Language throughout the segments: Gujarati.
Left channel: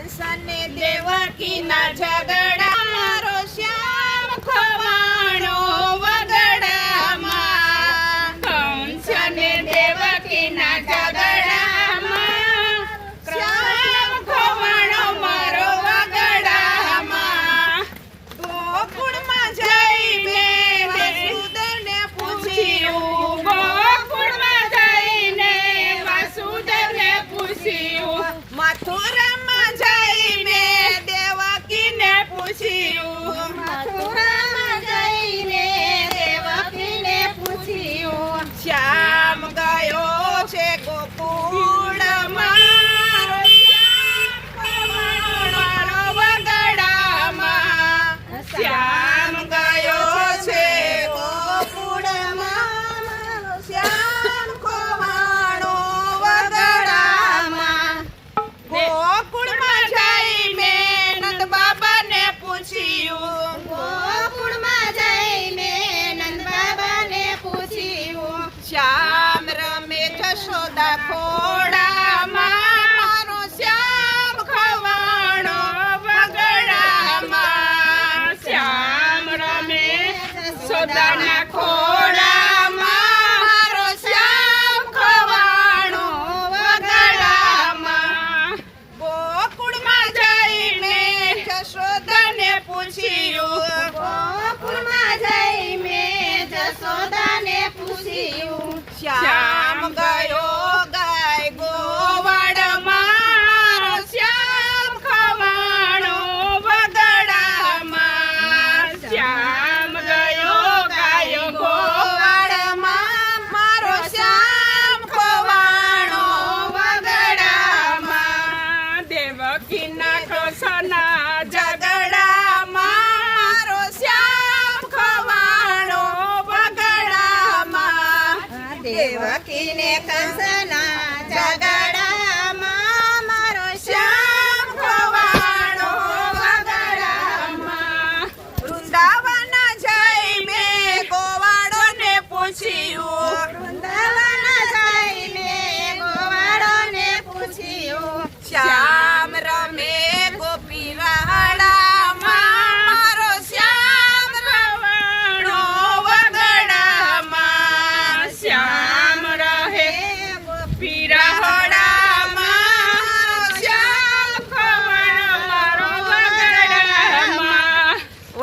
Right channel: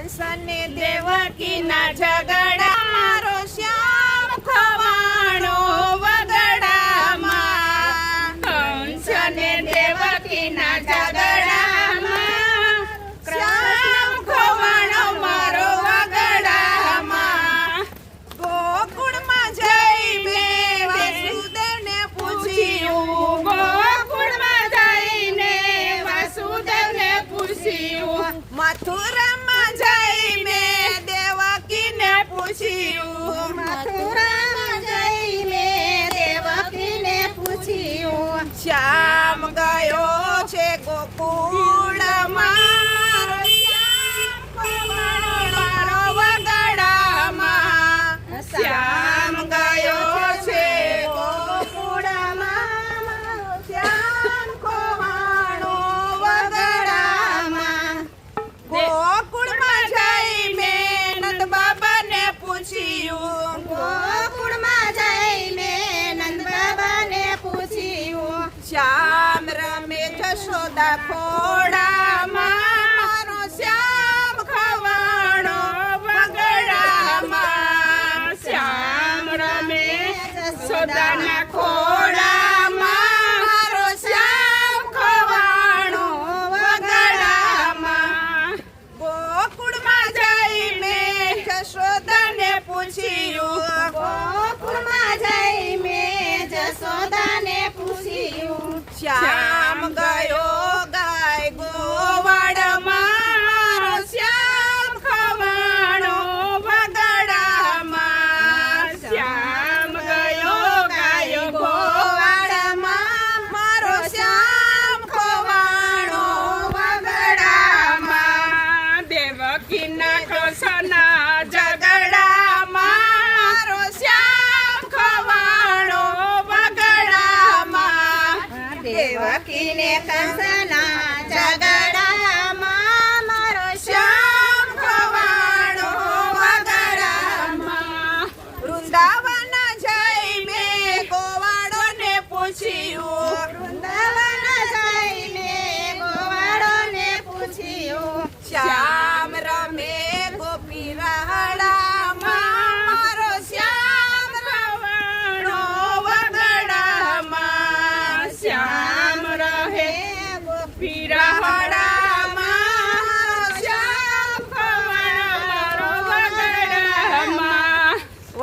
कंसाने देवकी नाच्या પૂછ્યું મથુરામાં જઈને દેવકીને પૂછ્યું શ્યા પોતાના ખોળામાં મારો શ્યામ ખવાણો વગડામાં. ગોકુળમાં જઈને જશોદાને પૂછ્યું, ગોકુળમાં જઈને જશોદાને પૂછ્યું, શ્યામ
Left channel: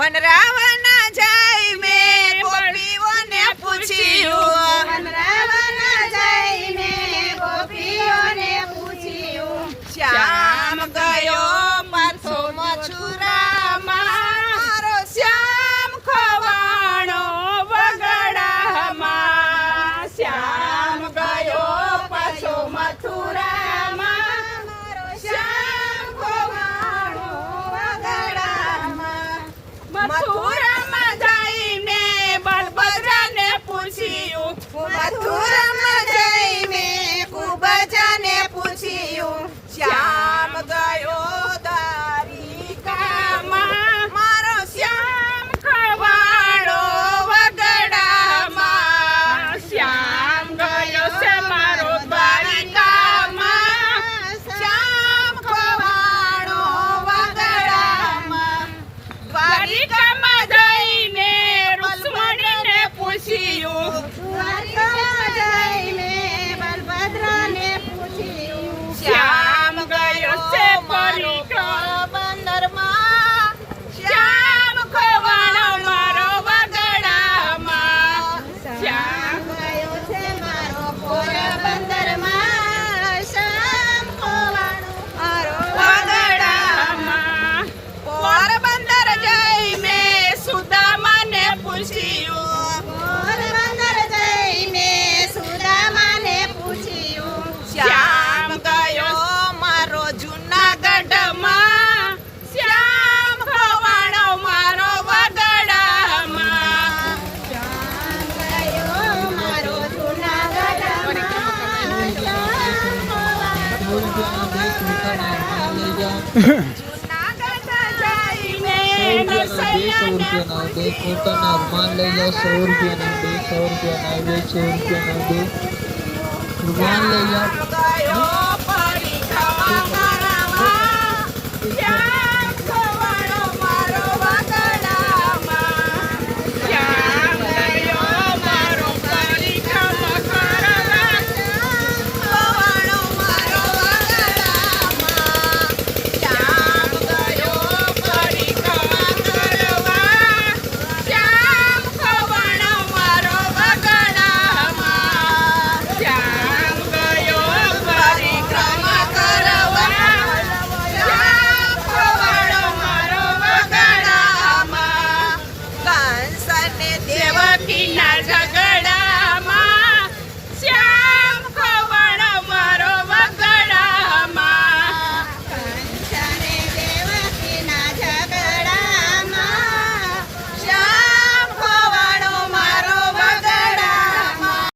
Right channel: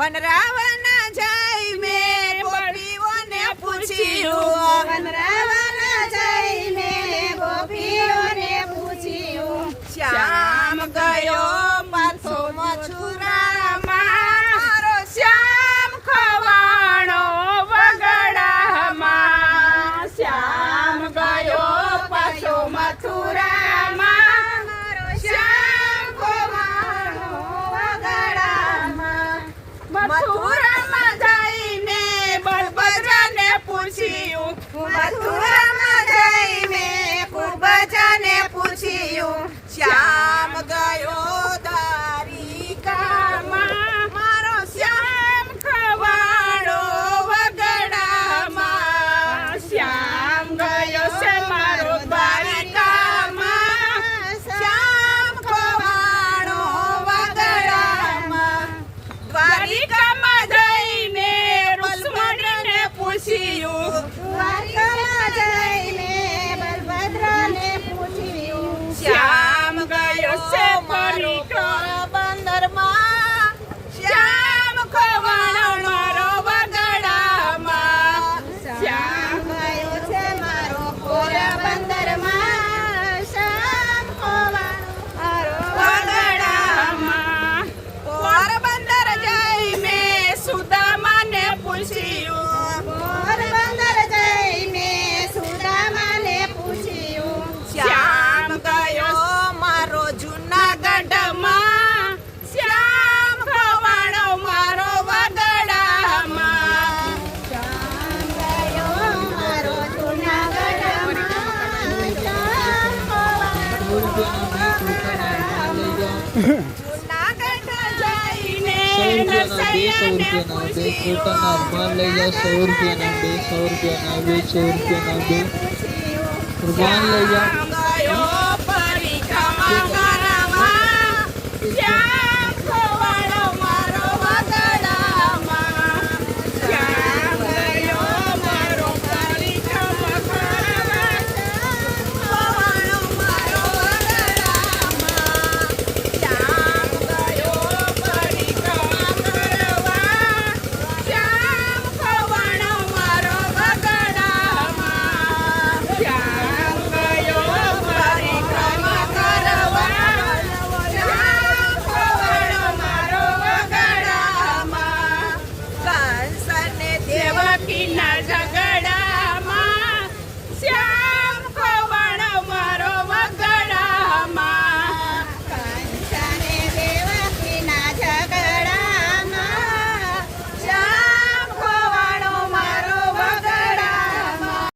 પણ રાવણ જાય મે ગોપીઓને પૂછ્યું. પણ રાવણ જાય મે ગોપીઓને પૂછ્યું. શ્યામ ગયો મથુરામાં જઈ મે બલભદ્રને પૂછ્યું મથુરામાં જઈ મે કુબજાને પૂછ્યું શ્યા see you. Welcome. બે પોતાના અરમાન લઈ જાઓ સો રૂપિયાના બે સો રૂપિયાના બે સો રૂપિયાના બે અરમાન લઈ જાઓ